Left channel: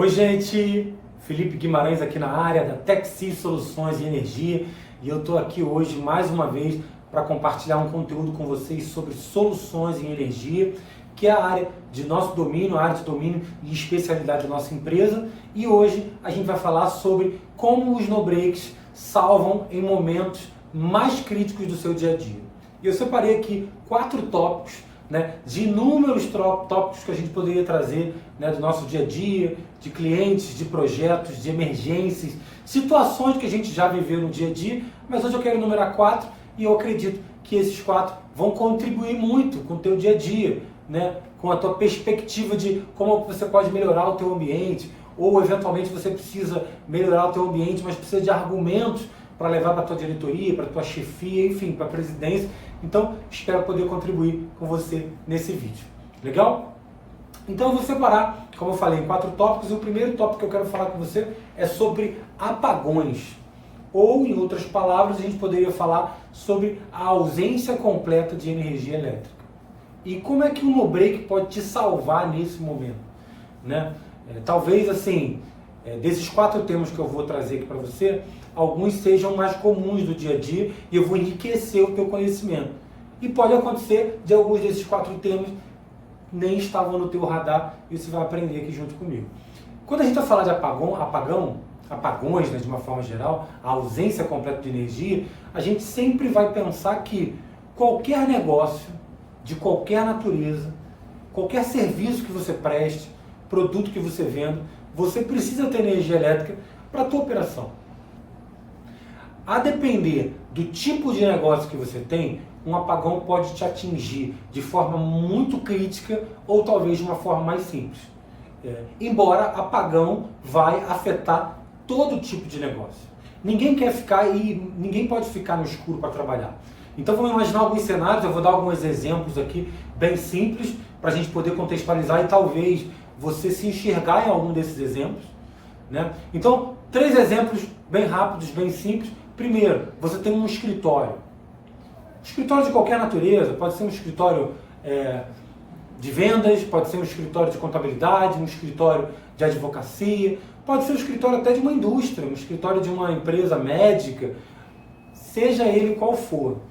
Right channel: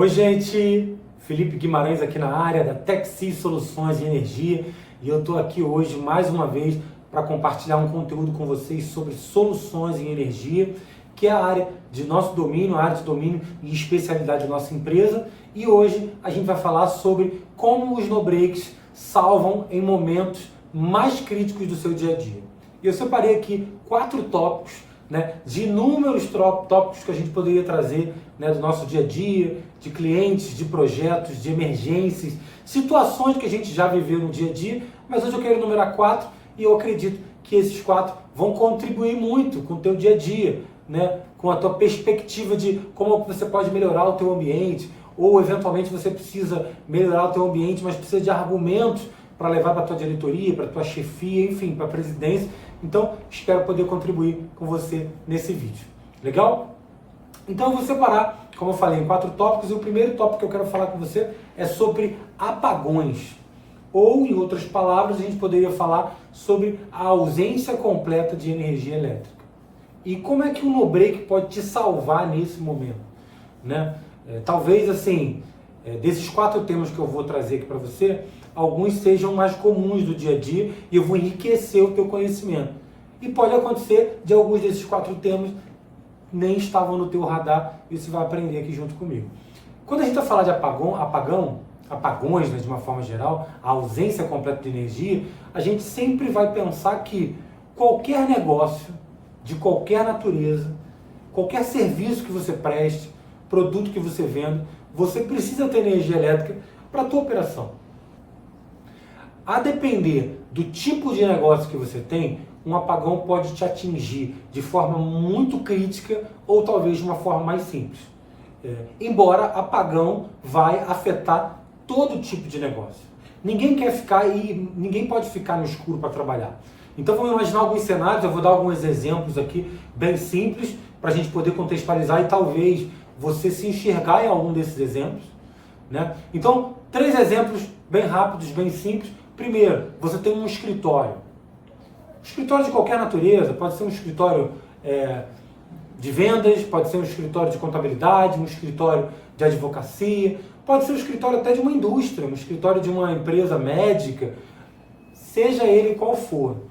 Oi, gente! Felipe Guimarães aqui na área da Texi Soluções de Energia e eu estou aqui hoje mais uma vez para compartilhar um conteúdo com vocês sobre soluções em energia, que é a área de nosso domínio, a área de domínio e especialidade da nossa empresa. E hoje a gente vai falar sobre como os no-breaks salvam em momentos mais críticos do seu dia a dia. E eu separei aqui 4 tópicos, de inúmeros tópicos que a gente poderia trazer, do nosso dia a dia, de clientes, de projetos, de emergências, situações que a gente já viveu no dia a dia, mas hoje eu quero enumerar 4 e eu acredito que esses 4 vão contribuir muito com o teu dia a dia, com a tua perspectiva de como você pode melhorar o teu ambiente, ou eventualmente você precisa melhorar o teu ambiente, mas precisa de argumentos para levar para a tua diretoria, para a tua chefia, enfim, para a presidência. Então, espero poder contribuir com você nesse vídeo. Legal? Então, eu vou separar, como eu falei, em 4 tópicos. E o primeiro tópico que eu quero falar com você é sobre apagões. Ou, em outras palavras, a gente poderia falar sobre a ausência completa de energia elétrica. E como é que o no-break pode te salvar nesse momento? Talvez, assim, desses 4 temas que eu vou trazer aqui para você, alguns sejam mais comuns do dia a dia e eu vou enriquecer o teu conhecimento. E pode acontecer de alguns desses 4 temas nem estavam no teu radar e você vai aprender aqui junto comigo. Quando a gente vai falar de apagões, de uma forma geral, a ausência completa de energia, a gente sempre vai pensar que qualquer negócio, de qualquer natureza, qualquer serviço que você preste, produto que você venda, você precisa ter energia elétrica para a tua operação. A depender do tipo de negócio que você tem, um apagão pode te atingir de forma muito crítica ou talvez de uma forma mais simples. Embora apagão vai afetar todo tipo de negócio. Ninguém pode ficar no escuro para trabalhar. Então vamos imaginar alguns cenários, eu vou dar alguns exemplos aqui bem simples para a gente poder contextualizar e talvez você se enxergar em algum desses exemplos. Então, 3 exemplos bem rápidos, bem simples. Primeiro, você tem um escritório. Escritório de qualquer natureza, pode ser um escritório de vendas, pode ser um escritório de contabilidade, um escritório de advocacia, pode ser um escritório até de uma indústria, um escritório de uma empresa médica, seja ele qual for.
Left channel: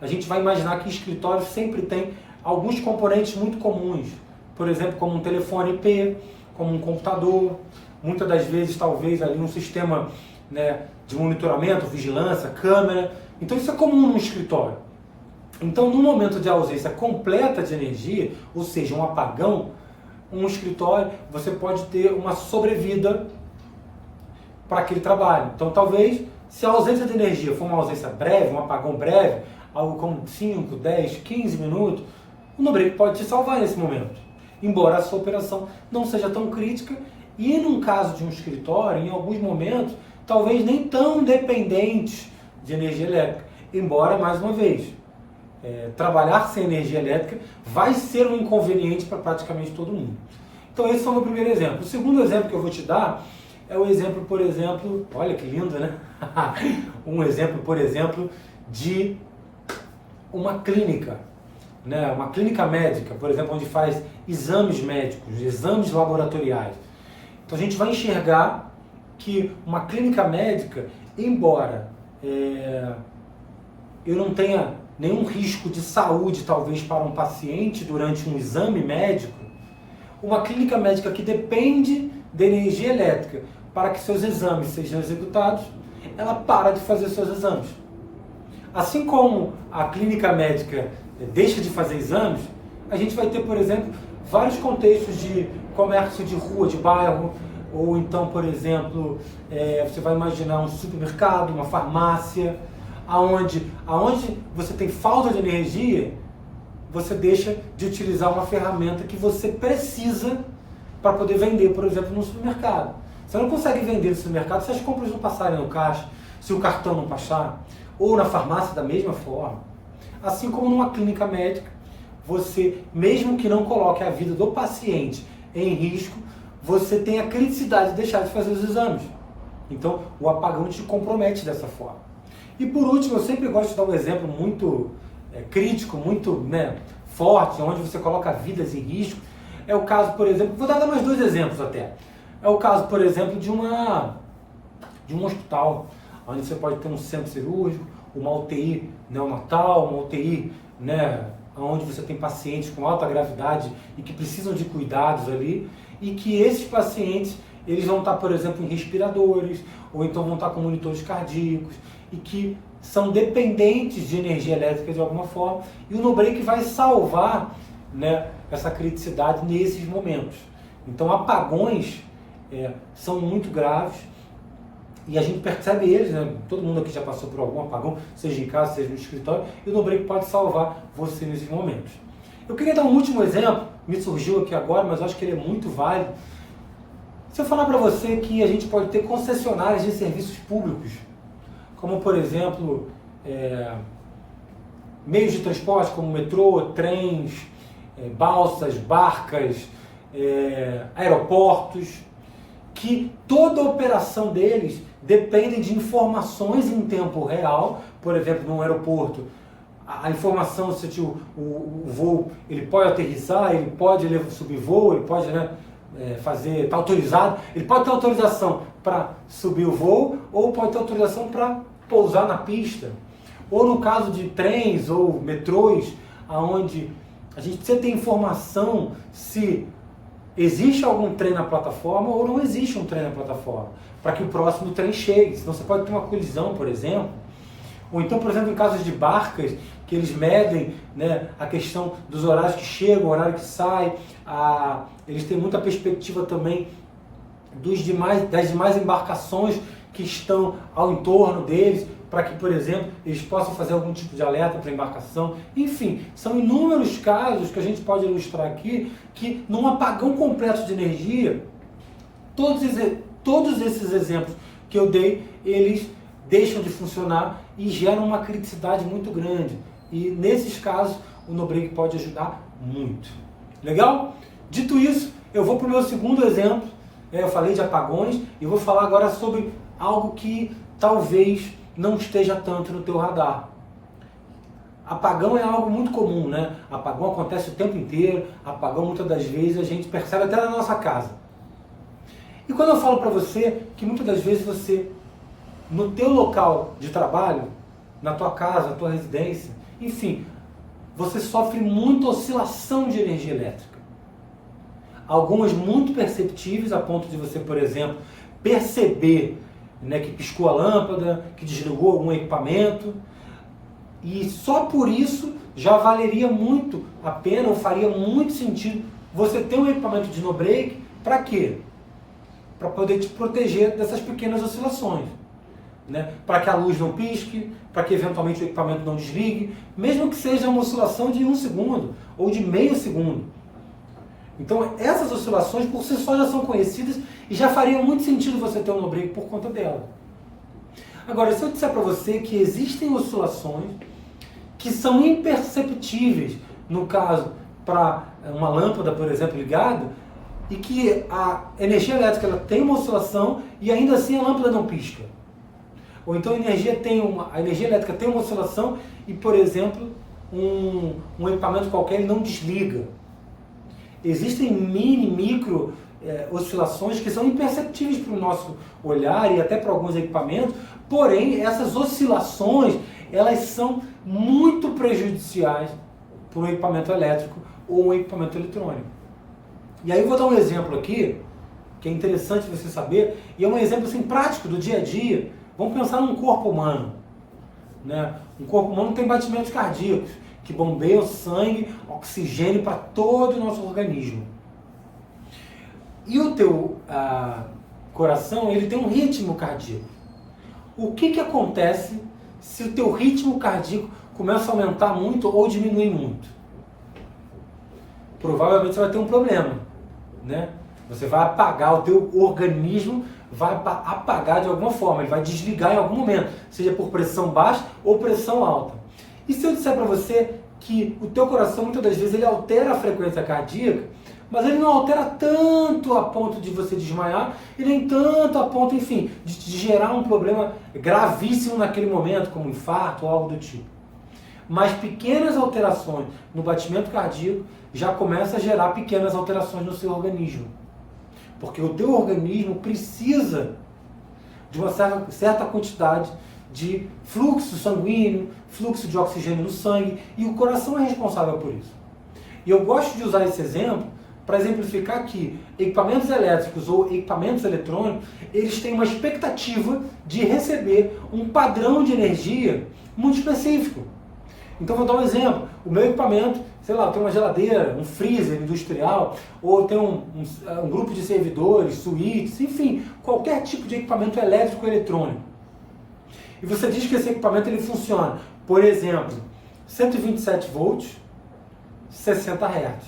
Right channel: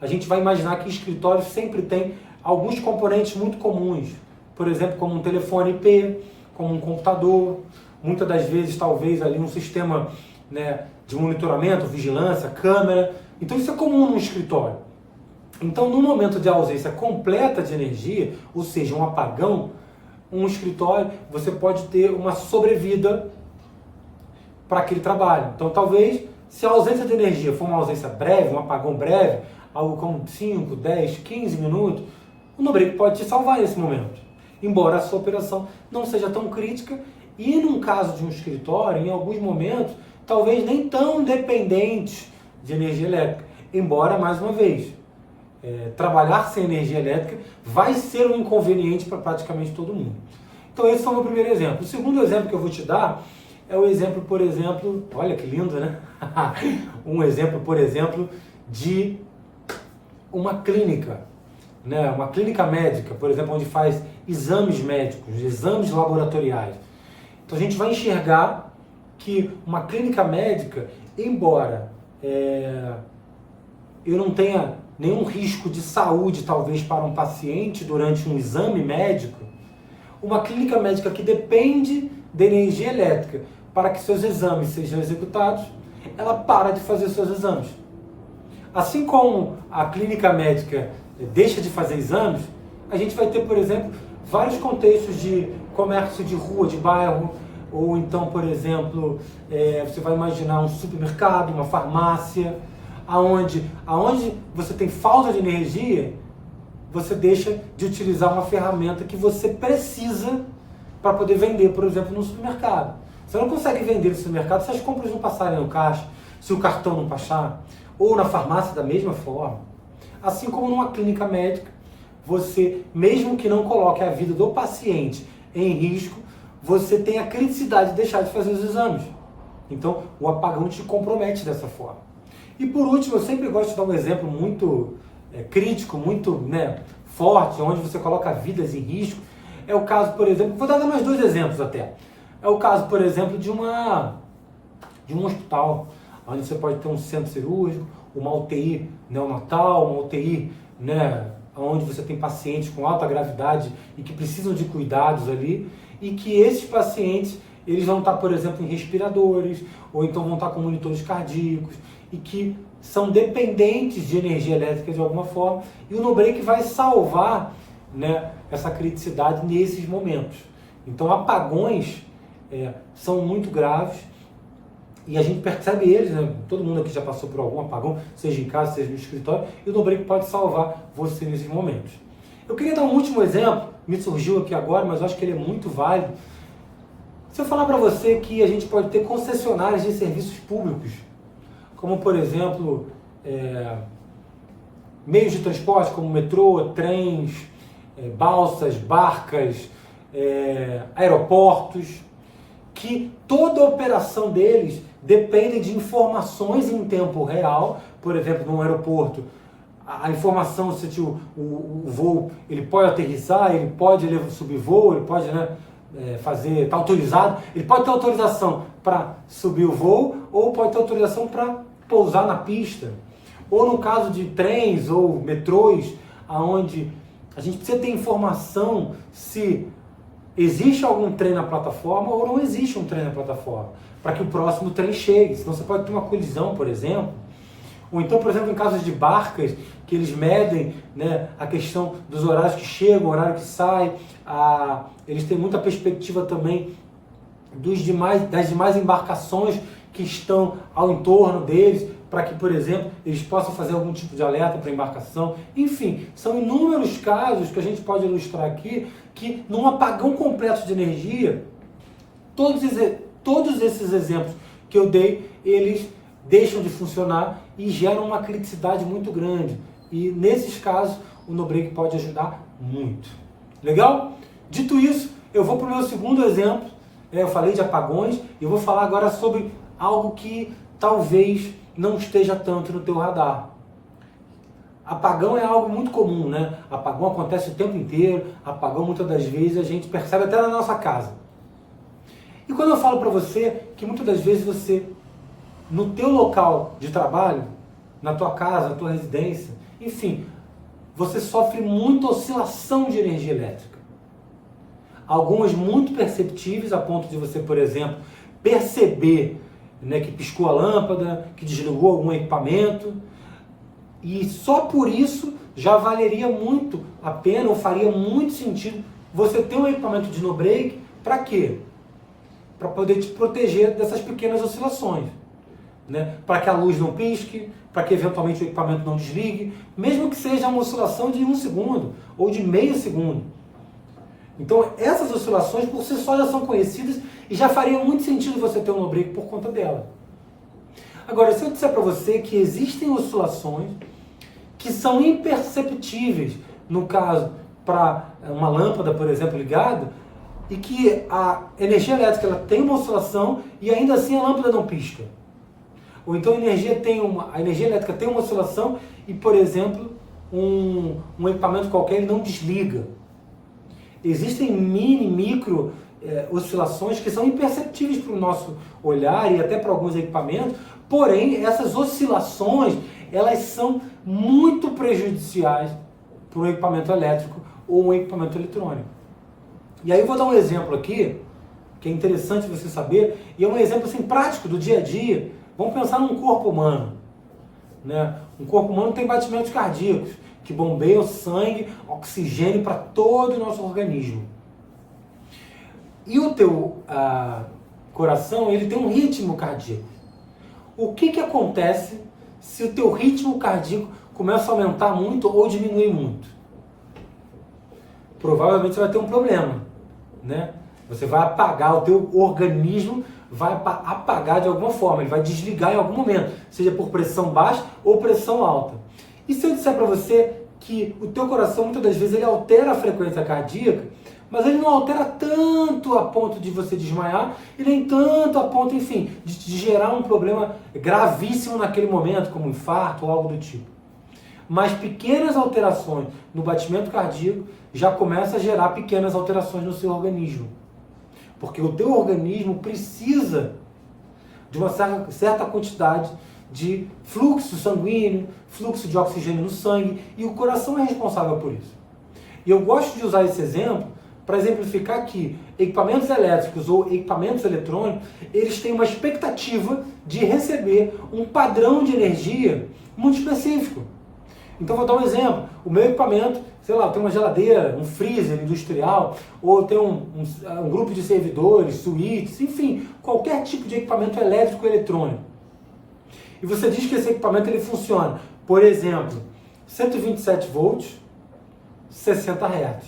A gente vai imaginar que escritório sempre tem alguns componentes muito comuns, por exemplo, como um telefone IP, como um computador, muitas das vezes talvez ali um sistema de monitoramento, vigilância, câmera. Então isso é comum num escritório. Então no momento de ausência completa de energia, ou seja, um apagão, um escritório, você pode ter uma sobrevida para aquele trabalho. Então talvez, se a ausência de energia for uma ausência breve, um apagão breve, algo como 5, 10, 15 minutos, o no-break pode te salvar nesse momento. Embora a sua operação não seja tão crítica e num caso de um escritório, em alguns momentos, talvez nem tão dependentes de energia elétrica. Embora, mais uma vez, trabalhar sem energia elétrica vai ser um inconveniente para praticamente todo mundo. Então esse foi o meu primeiro exemplo. O segundo exemplo que eu vou te dar é o exemplo, por exemplo, olha que lindo, um exemplo, por exemplo, de uma clínica. Uma clínica médica, por exemplo, onde faz exames médicos, exames laboratoriais. Então a gente vai enxergar que uma clínica médica, embora eu não tenha nenhum risco de saúde, talvez, para um paciente durante um exame médico, uma clínica médica que depende de energia elétrica para que seus exames sejam executados, ela para de fazer seus exames. Assim como a clínica médica deixa de fazer exames, a gente vai ter, por exemplo, vários contextos de comércio de rua, de bairro, ou então, por exemplo, você vai imaginar um supermercado, uma farmácia, aonde você tem falta de energia, você deixa de utilizar uma ferramenta que você precisa para poder vender, por exemplo, no supermercado. Você não consegue vender no supermercado se as compras não passarem no caixa, se o cartão não passar, ou na farmácia da mesma forma. Assim como numa clínica médica, você, mesmo que não coloque a vida do paciente em risco, você tem a criticidade de deixar de fazer os exames. Então, o apagão te compromete dessa forma. E por último, eu sempre gosto de dar um exemplo muito crítico, muito forte, onde você coloca vidas em risco. É o caso, por exemplo, vou dar mais 2 exemplos até. É o caso, por exemplo, de um hospital, onde você pode ter um centro cirúrgico, uma UTI neonatal, uma UTI, né, onde você tem pacientes com alta gravidade e que precisam de cuidados ali, e que esses pacientes, eles vão estar, por exemplo, em respiradores, ou então vão estar com monitores cardíacos, e que são dependentes de energia elétrica de alguma forma, e o no-break vai salvar, né, essa criticidade nesses momentos. Então, apagões são muito graves, e a gente percebe eles, né? Todo mundo aqui já passou por algum apagão, seja em casa, seja no escritório, e o no-break pode salvar você nesses momentos. Eu queria dar um último exemplo, me surgiu aqui agora, mas eu acho que ele é muito válido. Se eu falar para você que a gente pode ter concessionárias de serviços públicos, como por exemplo, meios de transporte como metrô, trens, balsas, barcas, aeroportos, que toda a operação deles depende de informações em tempo real. Por exemplo, num aeroporto, a informação se o voo ele pode aterrissar, ele pode subir voo, ele pode, né, fazer, está autorizado, ele pode ter autorização para subir o voo ou pode ter autorização para pousar na pista. Ou no caso de trens ou metrôs, onde a gente precisa ter informação se existe algum trem na plataforma ou não existe um trem na plataforma, para que o próximo trem chegue. Senão você pode ter uma colisão, por exemplo. Ou então, por exemplo, em casos de barcas, que eles medem, né, a questão dos horários que chegam, o horário que sai. Eles têm muita perspectiva também das demais embarcações que estão ao entorno deles, para que, por exemplo, eles possam fazer algum tipo de alerta para a embarcação. Enfim, são inúmeros casos que a gente pode ilustrar aqui, que num apagão completo de energia, todos esses exemplos que eu dei, eles deixam de funcionar e geram uma criticidade muito grande. E nesses casos, o no-break pode ajudar muito. Legal? Dito isso, eu vou para o meu segundo exemplo. Eu falei de apagões e eu vou falar agora sobre algo que talvez não esteja tanto no teu radar. Apagão é algo muito comum, né? Apagão acontece o tempo inteiro, apagão muitas das vezes a gente percebe até na nossa casa. E quando eu falo para você que muitas das vezes você, no teu local de trabalho, na tua casa, na tua residência, enfim, você sofre muita oscilação de energia elétrica. Algumas muito perceptíveis a ponto de você, por exemplo, perceber, né, que piscou a lâmpada, que desligou algum equipamento, e só por isso já valeria muito a pena, ou faria muito sentido você ter um equipamento de no-break. Para quê? Para poder te proteger dessas pequenas oscilações, né? Para que a luz não pisque, para que eventualmente o equipamento não desligue, mesmo que seja uma oscilação de 1 segundo ou de meio segundo. Então essas oscilações por si só já são conhecidas e já faria muito sentido você ter um no-break por conta dela. Agora, se eu disser para você que existem oscilações que são imperceptíveis, no caso, para uma lâmpada, por exemplo, ligada, e que a energia elétrica ela tem uma oscilação e ainda assim a lâmpada não pisca. Ou então a energia elétrica tem uma oscilação e, por exemplo, um equipamento qualquer ele não desliga. Existem micro oscilações que são imperceptíveis para o nosso olhar e até para alguns equipamentos, porém essas oscilações elas são muito prejudiciais para um equipamento elétrico ou um equipamento eletrônico. E aí eu vou dar um exemplo aqui, que é interessante você saber, e é um exemplo assim, prático do dia a dia. Vamos pensar num corpo humano, né? Um corpo humano tem batimentos cardíacos, que bombeiam sangue, oxigênio para todo o nosso organismo. E o teu coração, ele tem um ritmo cardíaco. O que acontece se o teu ritmo cardíaco começa a aumentar muito ou diminuir muito? Provavelmente você vai ter um problema, né? Você vai apagar, o teu organismo vai apagar de alguma forma, ele vai desligar em algum momento, seja por pressão baixa ou pressão alta. E se eu disser para você que o teu coração, muitas das vezes, ele altera a frequência cardíaca, mas ele não altera tanto a ponto de você desmaiar, e nem tanto a ponto, enfim, de gerar um problema gravíssimo naquele momento, como um infarto ou algo do tipo. Mas pequenas alterações no batimento cardíaco já começam a gerar pequenas alterações no seu organismo. porque o teu organismo precisa de uma certa quantidade de fluxo sanguíneo, fluxo de oxigênio no sangue, e o coração é responsável por isso. E eu gosto de usar esse exemplo para exemplificar que equipamentos elétricos ou equipamentos eletrônicos, eles têm uma expectativa de receber um padrão de energia muito específico. Então vou dar um exemplo, o meu equipamento, sei lá, eu tenho uma geladeira, um freezer industrial, ou eu tenho um grupo de servidores, suítes, enfim, qualquer tipo de equipamento elétrico ou eletrônico. E você diz que esse equipamento ele funciona, por exemplo, 127 volts, 60 Hz.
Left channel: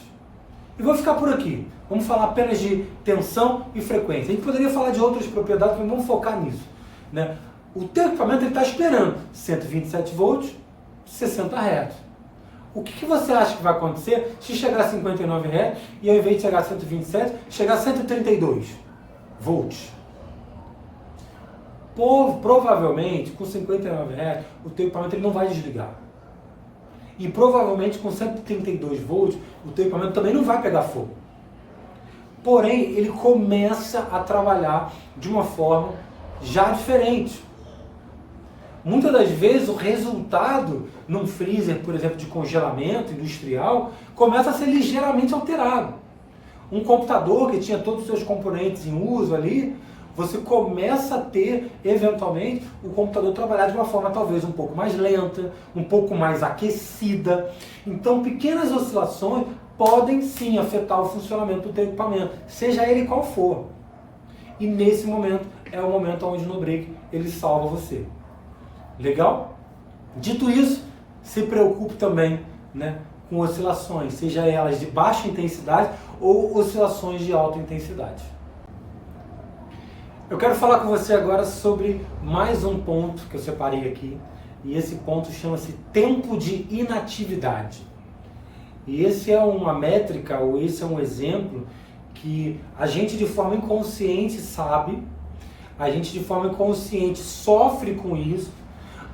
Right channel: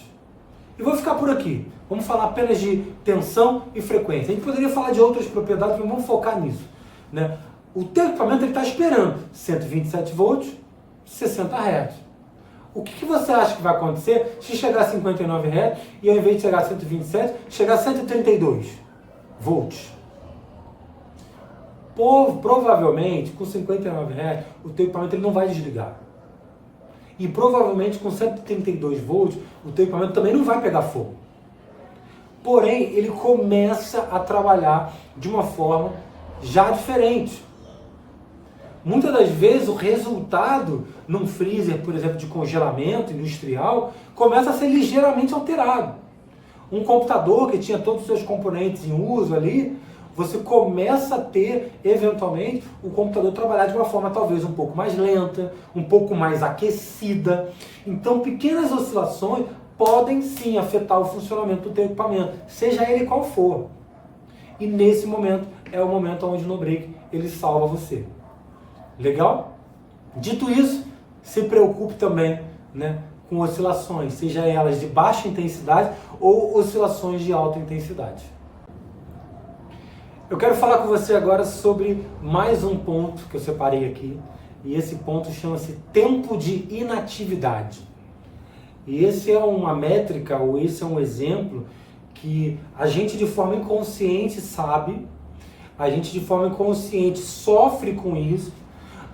E vou ficar por aqui. Vamos falar apenas de tensão e frequência. A gente poderia falar de outras propriedades, mas vamos focar nisso, né? O teu equipamento está esperando 127 volts, 60 Hz. O que você acha que vai acontecer se chegar a 59 Hz e ao invés de chegar a 127, chegar a 132 volts? Provavelmente, com 59 Hz, o teu equipamento ele não vai desligar. E provavelmente com 132 volts, o teu equipamento também não vai pegar fogo. Porém, ele começa a trabalhar de uma forma já diferente. Muitas das vezes o resultado num freezer, por exemplo, de congelamento industrial, começa a ser ligeiramente alterado. Um computador que tinha todos os seus componentes em uso ali, você começa a ter, eventualmente, o computador trabalhar de uma forma talvez um pouco mais lenta, um pouco mais aquecida. Então, pequenas oscilações podem sim afetar o funcionamento do teu equipamento, seja ele qual for. E nesse momento, é o momento onde no break ele salva você. Legal? Dito isso, se preocupe também, né, com oscilações, seja elas de baixa intensidade ou oscilações de alta intensidade. Eu quero falar com você agora sobre mais um ponto que eu separei aqui, e esse ponto chama-se tempo de inatividade. E esse é uma métrica, ou esse é um exemplo que a gente de forma inconsciente sabe, a gente de forma inconsciente sofre com isso,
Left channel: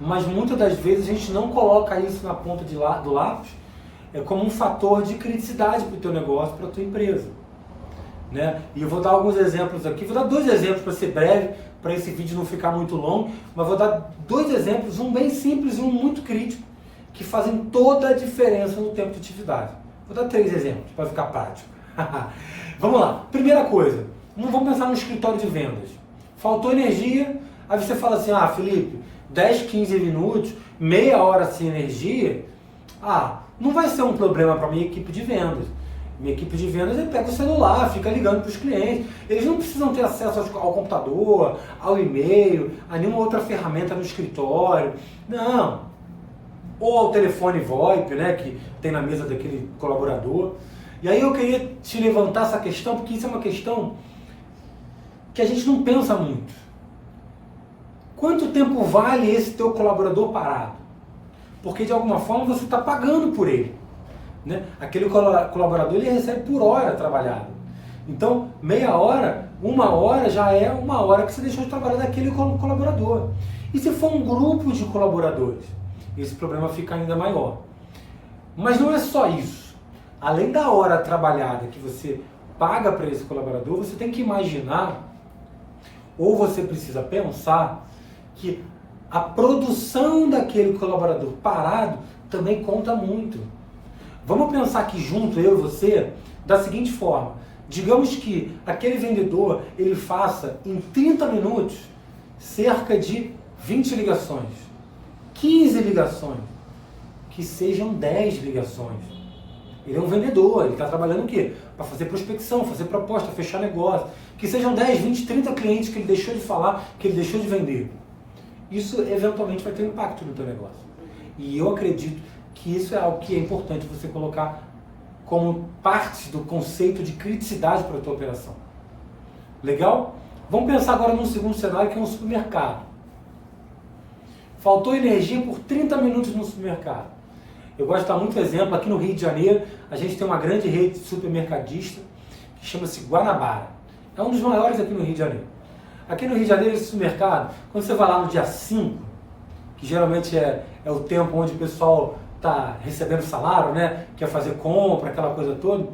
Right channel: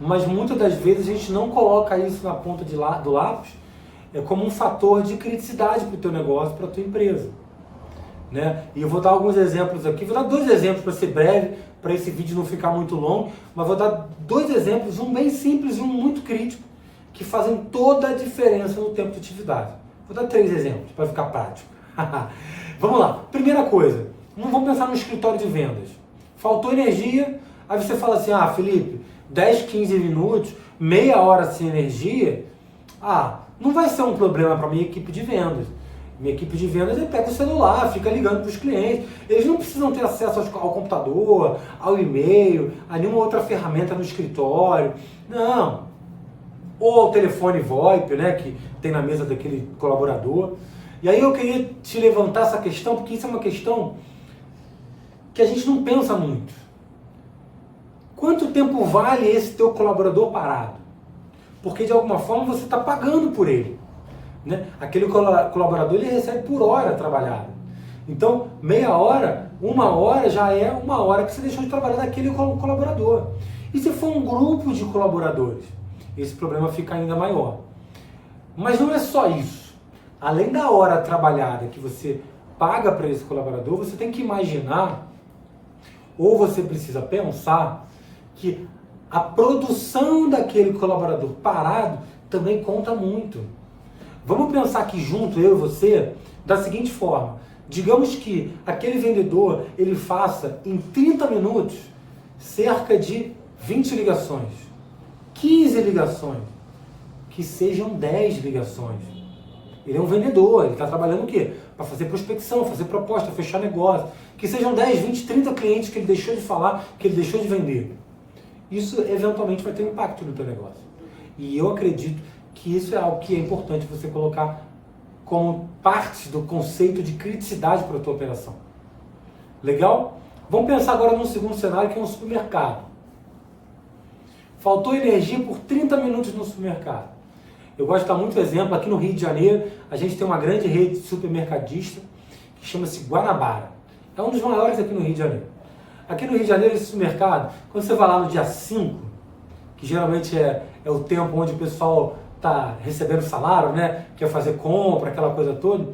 mas muitas das vezes a gente não coloca isso na ponta do lápis como um fator de criticidade para o teu negócio, para a tua empresa. Né? E eu vou dar alguns exemplos aqui, vou dar 2 exemplos para ser breve, para esse vídeo não ficar muito longo, mas vou dar 2 exemplos, um bem simples e um muito crítico, que fazem toda a diferença no tempo de atividade. Vou dar 3 exemplos para ficar prático. Vamos lá, primeira coisa, vamos pensar no escritório de vendas. Faltou energia, aí você fala assim, Felipe, 10, 15 minutos, meia hora sem energia, não vai ser um problema para a minha equipe de vendas. Minha equipe de vendas pega o celular, fica ligando para os clientes. Eles não precisam ter acesso ao computador, ao e-mail, a nenhuma outra ferramenta no escritório. Não. Ou ao telefone VoIP, né, que tem na mesa daquele colaborador. E aí eu queria te levantar essa questão, porque isso é uma questão que a gente não pensa muito. Quanto tempo vale esse teu colaborador parado? Porque de alguma forma você está pagando por ele. Né? Aquele colaborador ele recebe por hora trabalhada. Então, meia hora, 1 hora já é 1 hora que você deixou de trabalhar daquele colaborador. E se for um grupo de colaboradores, esse problema fica ainda maior. Mas não é só isso. Além da hora trabalhada que você paga para esse colaborador, você tem que imaginar, ou você precisa pensar, que a produção daquele colaborador parado também conta muito. Vamos pensar aqui junto, eu e você, da seguinte forma. Digamos que aquele vendedor, ele faça em 30 minutos cerca de 20 ligações, 15 ligações, que sejam 10 ligações. Ele é um vendedor, ele está trabalhando o quê? Para fazer prospecção, fazer proposta, fechar negócio. Que sejam 10, 20, 30 clientes que ele deixou de falar, que ele deixou de vender. Isso eventualmente vai ter um impacto no teu negócio. E eu acredito que isso é algo que é importante você colocar como parte do conceito de criticidade para a tua operação. Legal? Vamos pensar agora num segundo cenário, que é um supermercado. Faltou energia por 30 minutos no supermercado. Eu gosto de dar muito exemplo, aqui no Rio de Janeiro, a gente tem uma grande rede supermercadista que chama-se Guanabara. É um dos maiores aqui no Rio de Janeiro. Aqui no Rio de Janeiro, esse supermercado, quando você vai lá no dia 5, que geralmente é o tempo onde o pessoal está recebendo salário, né? Quer fazer compra, aquela coisa toda.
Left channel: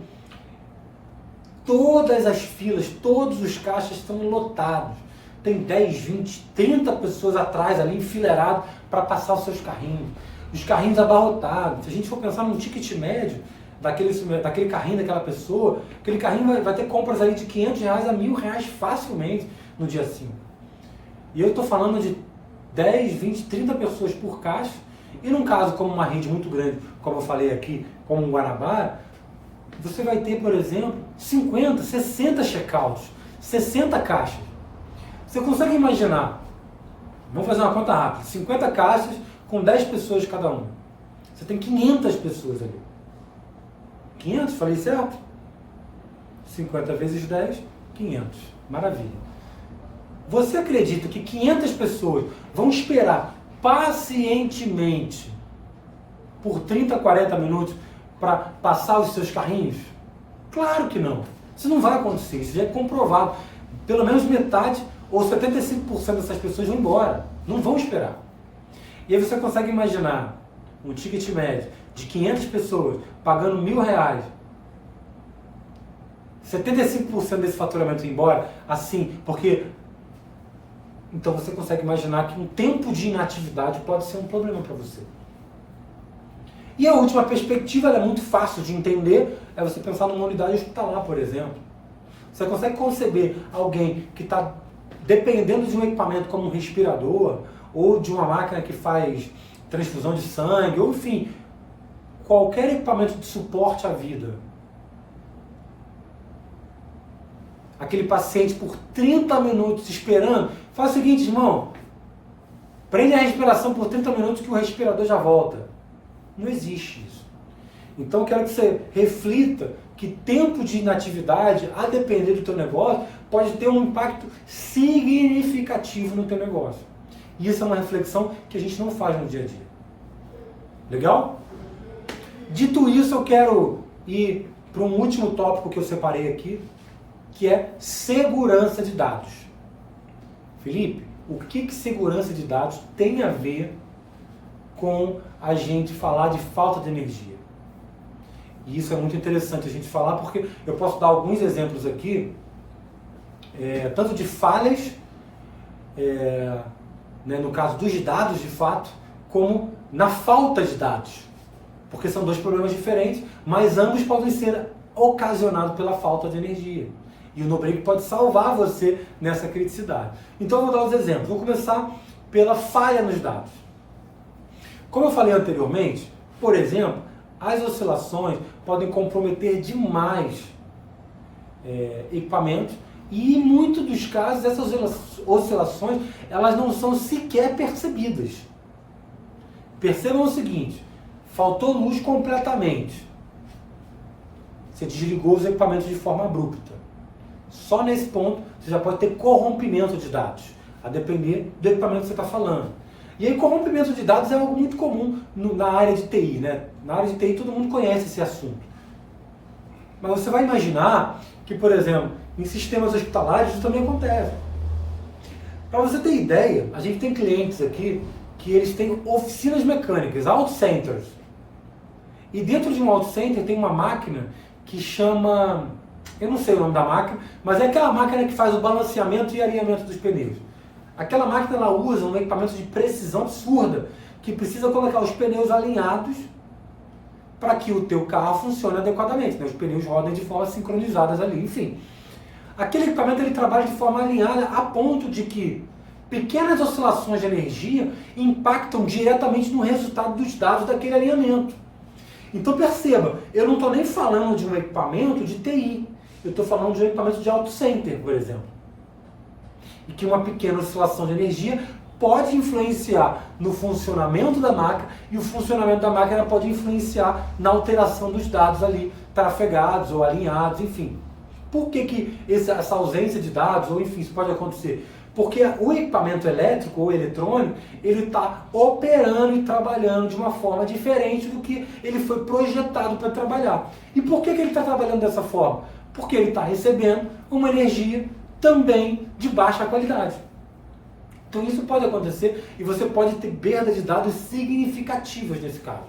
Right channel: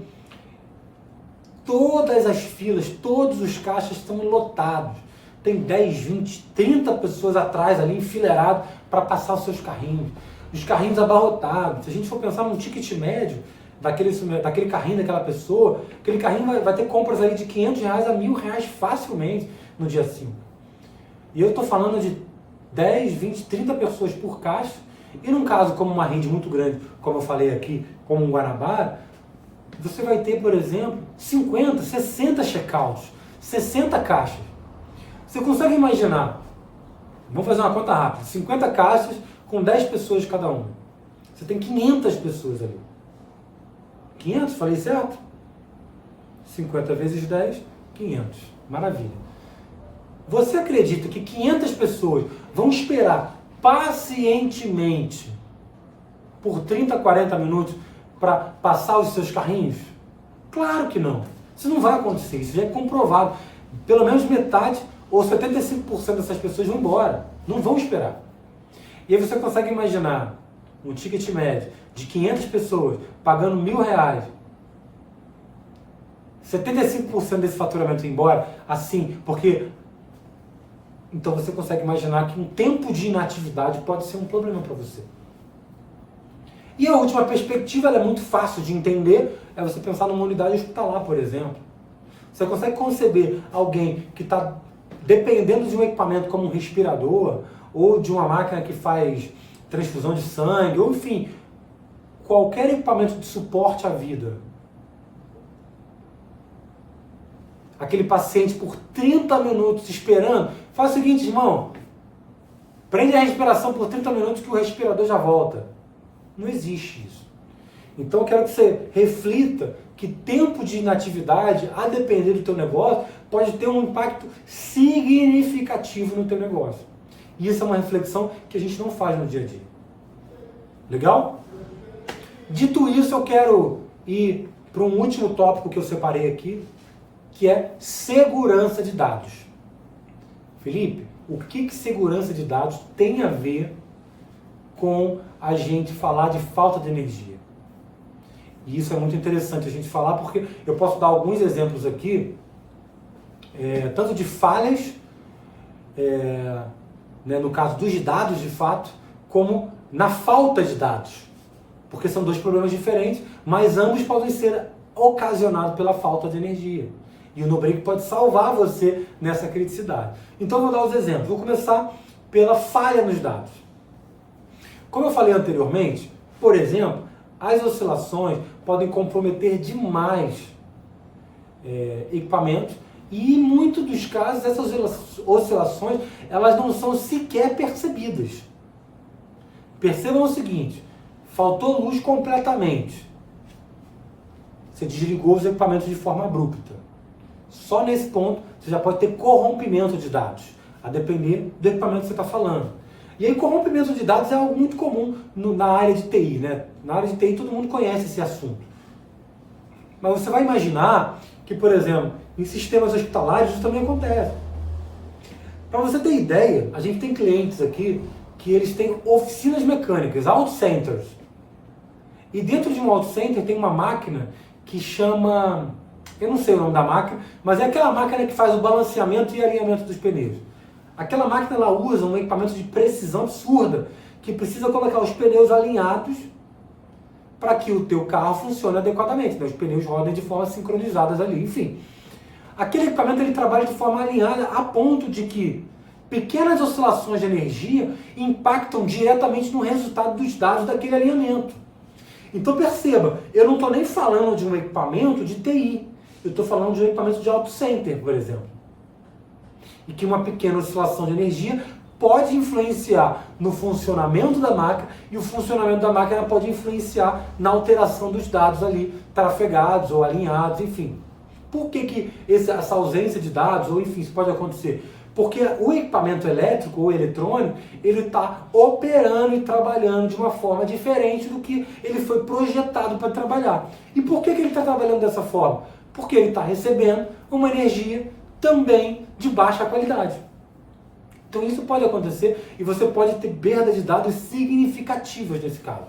todas as filas, todos os caixas estão lotados. Tem 10, 20, 30 pessoas atrás ali, enfileiradas, para passar os seus carrinhos. Os carrinhos abarrotados. Se a gente for pensar num ticket médio, daquele carrinho daquela pessoa, aquele carrinho vai ter compras aí de R$500 a R$1.000 facilmente no dia 5. E eu estou falando de 10, 20, 30 pessoas por caixa. E num caso como uma rede muito grande, como eu falei aqui, como um Guanabara, você vai ter, por exemplo, 50, 60 checkouts, 60 caixas. Você consegue imaginar, vamos fazer uma conta rápida, 50 caixas com 10 pessoas cada uma. Você tem 500 pessoas ali. 500, falei certo? 50 vezes 10, 500. Maravilha. Você acredita que 500 pessoas vão esperar pacientemente por 30, 40 minutos para passar os seus carrinhos? Claro que não. Isso não vai acontecer, isso já é comprovado. Pelo menos metade ou 75% dessas pessoas vão embora, não vão esperar. E aí você consegue imaginar um ticket médio de 500 pessoas pagando R$1.000, 75% desse faturamento ir embora, assim, porque... Então você consegue imaginar que um tempo de inatividade pode ser um problema para você. E a última perspectiva, ela é muito fácil de entender, é você pensar numa unidade hospitalar, por exemplo. Você consegue conceber alguém que está dependendo de um equipamento como um respirador, ou de uma máquina que faz transfusão de sangue, ou enfim, qualquer equipamento de suporte à vida. Aquele paciente por 30 minutos esperando, faz o seguinte, irmão, prende a respiração por 30 minutos que o respirador já volta. Não existe isso. Então eu quero que você reflita que tempo de inatividade, a depender do teu negócio, pode ter um impacto significativo no teu negócio. E isso é uma reflexão que a gente não faz no dia a dia. Legal? Dito isso, eu quero ir para um último tópico que eu separei aqui, que é segurança de dados. Felipe, o que segurança de dados tem a ver com a gente falar de falta de energia? E isso é muito interessante a gente falar, porque eu posso dar alguns exemplos aqui, tanto de falhas, no caso dos dados de fato, como na falta de dados. Porque são dois problemas diferentes, mas ambos podem ser ocasionados pela falta de energia. E o NoBreak pode salvar você nessa criticidade. Então eu vou dar os exemplos. Vou começar pela falha nos dados. Como eu falei anteriormente, por exemplo, as oscilações podem comprometer demais equipamentos e em muitos dos casos essas oscilações elas não são sequer percebidas. Percebam o seguinte, faltou luz completamente. Você desligou os equipamentos de forma abrupta. Só nesse ponto você já pode ter corrompimento de dados, a depender do equipamento que você está falando. E aí corrompimento de dados é algo muito comum na área de TI, né? Na área de TI todo mundo conhece esse assunto. Mas você vai imaginar que, por exemplo, em sistemas hospitalares isso também acontece. Para você ter ideia, a gente tem clientes aqui que eles têm oficinas mecânicas, auto centers. E dentro de um auto center tem uma máquina que chama... Eu não sei o nome da máquina, mas é aquela máquina que faz o balanceamento e alinhamento dos pneus. Aquela máquina ela usa um equipamento de precisão absurda, que precisa colocar os pneus alinhados para que o teu carro funcione adequadamente, né? Os pneus rodem de forma sincronizadas ali, enfim. Aquele equipamento ele trabalha de forma alinhada a ponto de que pequenas oscilações de energia impactam diretamente no resultado dos dados daquele alinhamento. Então perceba, eu não estou nem falando de um equipamento de TI, eu estou falando de um equipamento de auto center, por exemplo. E que uma pequena oscilação de energia pode influenciar no funcionamento da máquina e o funcionamento da máquina pode influenciar na alteração dos dados ali trafegados ou alinhados, enfim. Por que essa ausência de dados, ou enfim, isso pode acontecer? Porque o equipamento elétrico ou eletrônico, ele está operando e trabalhando de uma forma diferente do que ele foi projetado para trabalhar. E por que ele está trabalhando dessa forma? Porque ele está recebendo uma energia também de baixa qualidade. Então isso pode acontecer e você pode ter perda de dados significativas nesse caso.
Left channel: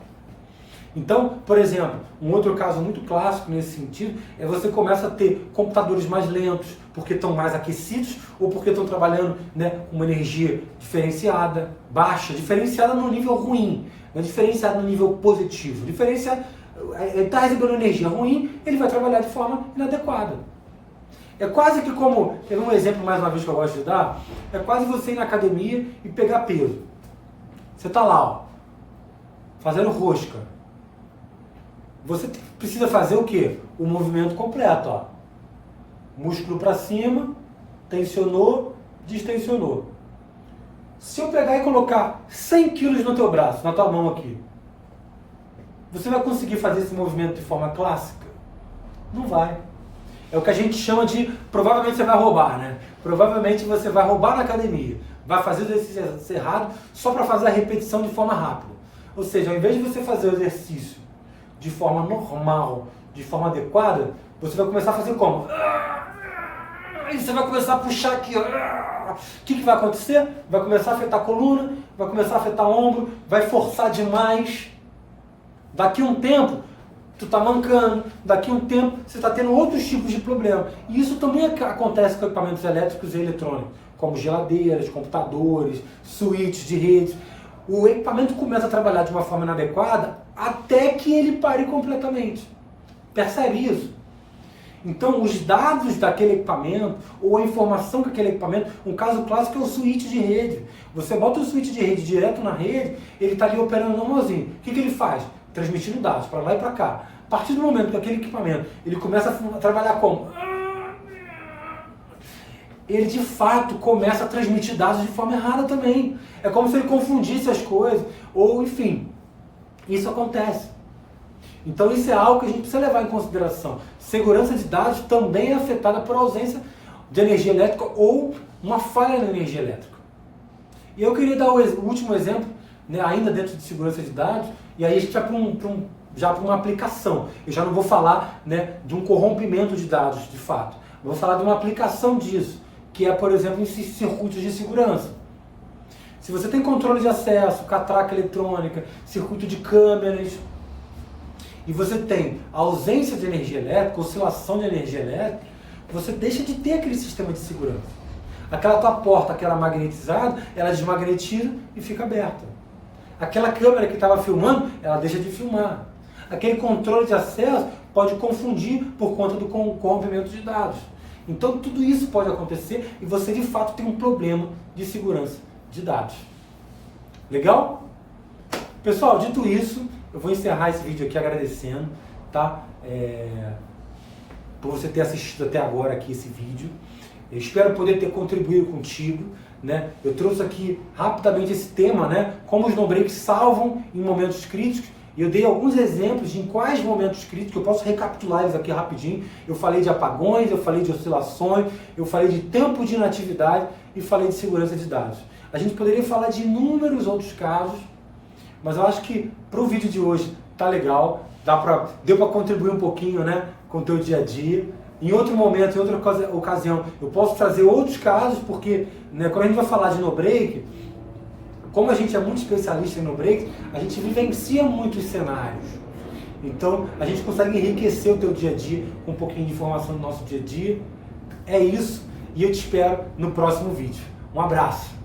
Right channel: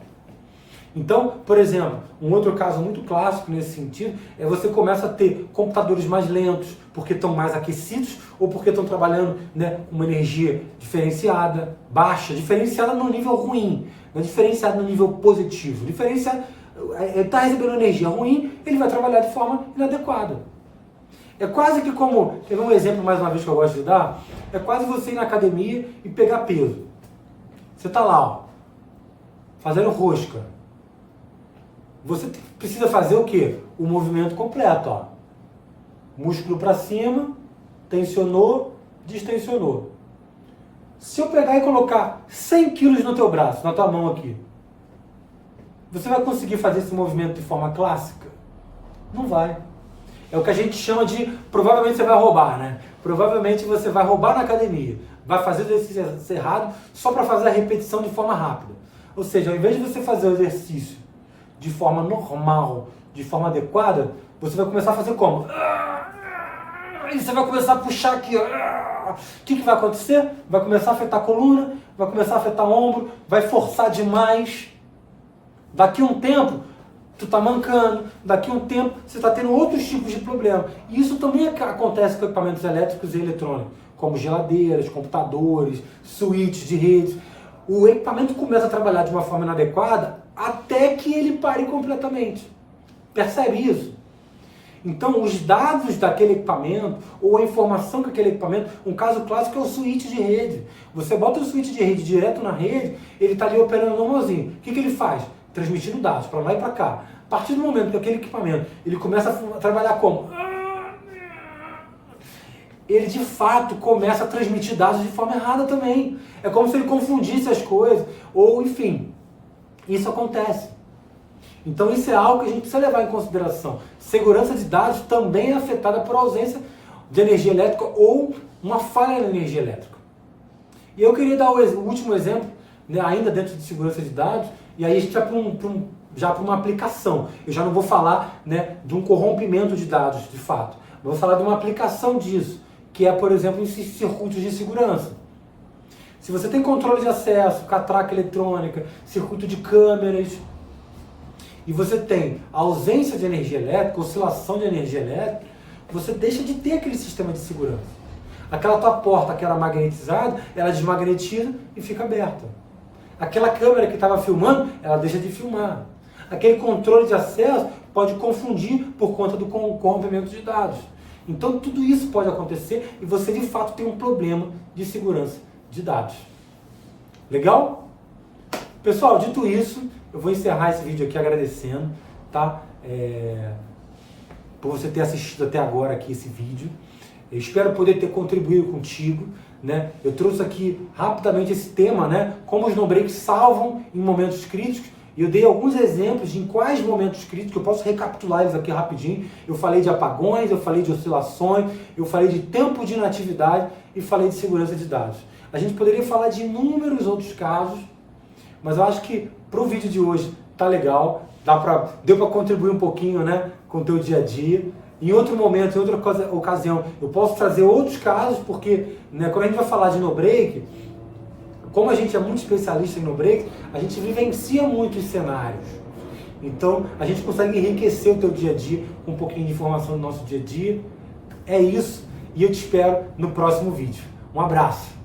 Então, por exemplo, um outro caso muito clássico nesse sentido é você começa a ter computadores mais lentos porque estão mais aquecidos ou porque estão trabalhando, né, com uma energia diferenciada, baixa, diferenciada no nível ruim, não diferenciada no nível positivo. Diferenciada, ele está recebendo energia ruim, ele vai trabalhar de forma inadequada. É quase que como, quer ver um exemplo mais uma vez que eu gosto de dar? É quase você ir na academia e pegar peso. Você está lá, ó, fazendo rosca. Você precisa fazer o quê? O movimento completo, ó. Músculo para cima, tensionou, distensionou. Se eu pegar e colocar 100 quilos no teu braço, na tua mão aqui, você vai conseguir fazer esse movimento de forma clássica? Não vai. É o que a gente chama de, provavelmente você vai roubar, né? Provavelmente você vai roubar na academia, vai fazer o exercício errado só para fazer a repetição de forma rápida. Ou seja, ao invés de você fazer o exercício de forma normal, de forma adequada, você vai começar a fazer como? E você vai começar a puxar aqui. O que vai acontecer? Vai começar a afetar a coluna, vai começar a afetar o ombro, vai forçar demais. Daqui a um tempo, tu tá mancando, daqui a um tempo você está tendo outros tipos de problema. E isso também acontece com equipamentos elétricos e eletrônicos, como geladeiras, computadores, switches de rede. O equipamento começa a trabalhar de uma forma inadequada até que ele pare completamente. Percebe isso? Então, os dados daquele equipamento, ou a informação que aquele equipamento, um caso clássico é o switch de rede. Você bota o switch de rede direto na rede, ele está ali operando normalzinho. O que ele faz? Transmitindo dados para lá e para cá. A partir do momento que aquele equipamento ele começa a trabalhar como? Ele de fato começa a transmitir dados de forma errada também. É como se ele confundisse as coisas, ou enfim, isso acontece. Então isso é algo que a gente precisa levar em consideração. Segurança de dados também é afetada por ausência de energia elétrica ou uma falha na energia elétrica. E eu queria dar o último exemplo, né, ainda dentro de segurança de dados, e aí a gente vai para uma aplicação. Eu já não vou falar, né, de um corrompimento de dados, de fato. Eu vou falar de uma aplicação disso, que é, por exemplo, em circuitos de segurança. Se você tem controle de acesso, catraca eletrônica, circuito de câmeras, e você tem ausência de energia elétrica, oscilação de energia elétrica, você deixa de ter aquele sistema de segurança. Aquela tua porta que era magnetizada, ela desmagnetiza e fica aberta. Aquela câmera que estava filmando, ela deixa de filmar. Aquele controle de acesso pode confundir por conta do corrompimento de dados. Então tudo isso pode acontecer e você de fato tem um problema de segurança de dados. Legal? Pessoal, dito isso, eu vou encerrar esse vídeo aqui agradecendo, tá? Por você ter assistido até agora aqui esse vídeo. Eu espero poder ter contribuído contigo, né? Eu trouxe aqui rapidamente esse tema, né? Como os no-breaks salvam em momentos críticos. E eu dei alguns exemplos de em quais momentos críticos, eu posso recapitular eles aqui rapidinho. Eu falei de apagões, eu falei de oscilações, eu falei de tempo de inatividade e falei de segurança de dados. A gente poderia falar de inúmeros outros casos, mas eu acho que para o vídeo de hoje tá legal, deu para contribuir um pouquinho, né, com o teu dia a dia. Em outro momento, em outra ocasião, eu posso trazer outros casos, porque, né, quando a gente vai falar de no-break, como a gente é muito especialista em no-break, a gente vivencia muitos cenários. Então, a gente consegue enriquecer o teu dia a dia com um pouquinho de informação do nosso dia a dia. É isso, e eu te espero no próximo vídeo. Um abraço!